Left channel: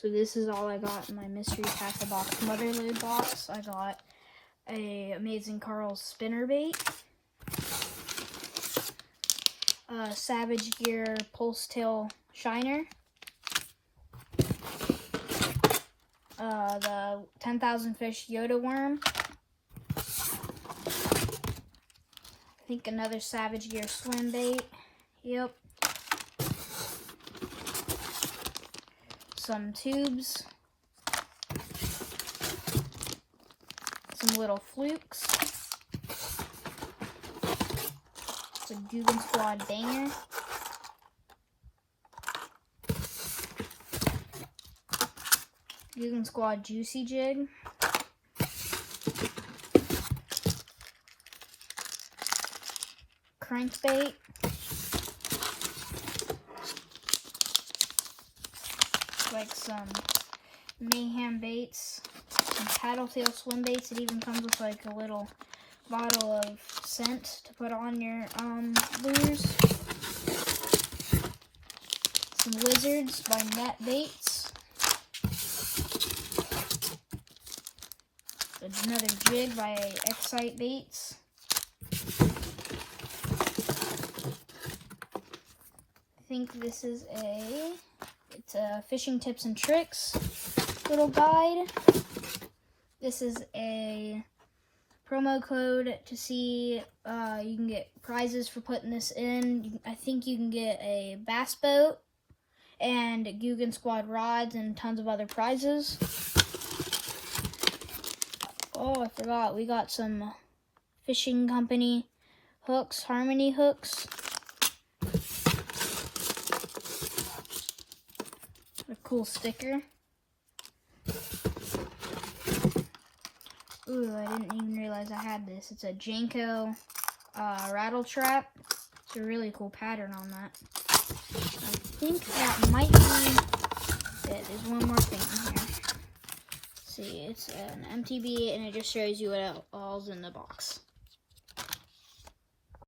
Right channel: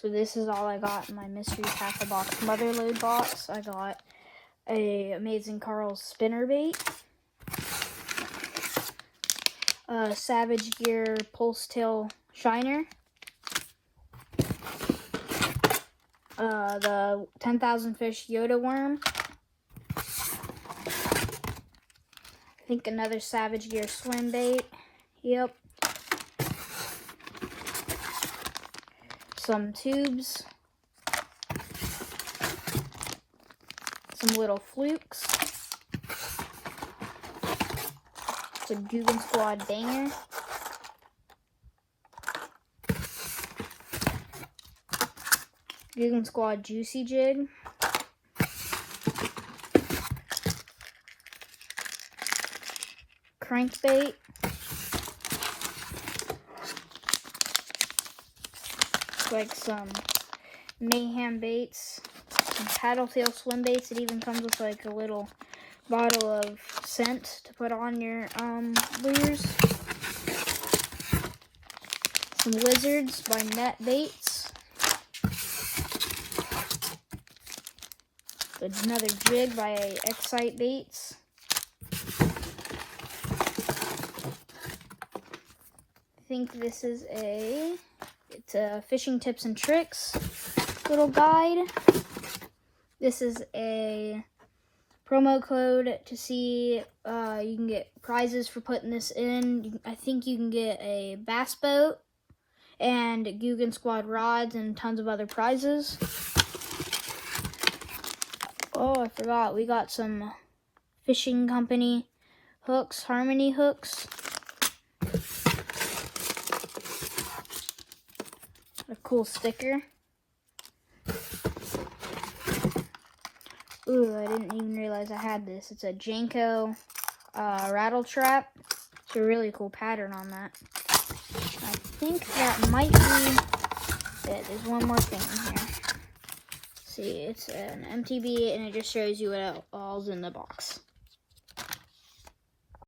So this is all I got in my mystery tackle box motherlode box. I got a Amazing Carl's spinnerbait, a Savage Gear pulse tail shiner, the 10,000 fish Yoda worm, I think another Savage Gear swim bait, yep, some tubes, some little flukes, it's a Guggen Squad banger, Guggen Squad juicy jig, crankbait, like some mayhem baits, some paddletail swim baits. It even comes with like a little bottle of scent to put on your lures. Some lizards by Net Baits. Another jig by Excite Baits. I think this is it's a fishing tips and tricks little guide. This is a promo code to see you can get prizes for putting this in. I think you can get a bass boat and Guggen Squad rods and tons of other prizes. Oh, I forgot, we got some fishing company hooks, Harmony hooks. A cool sticker. Ooh, I didn't even realize I had this. It's a Janko rattle trap. It's a really cool pattern on that. I think that might be it. There's one more thing in here. See, it's an MTB and it just shows you what all's in the box.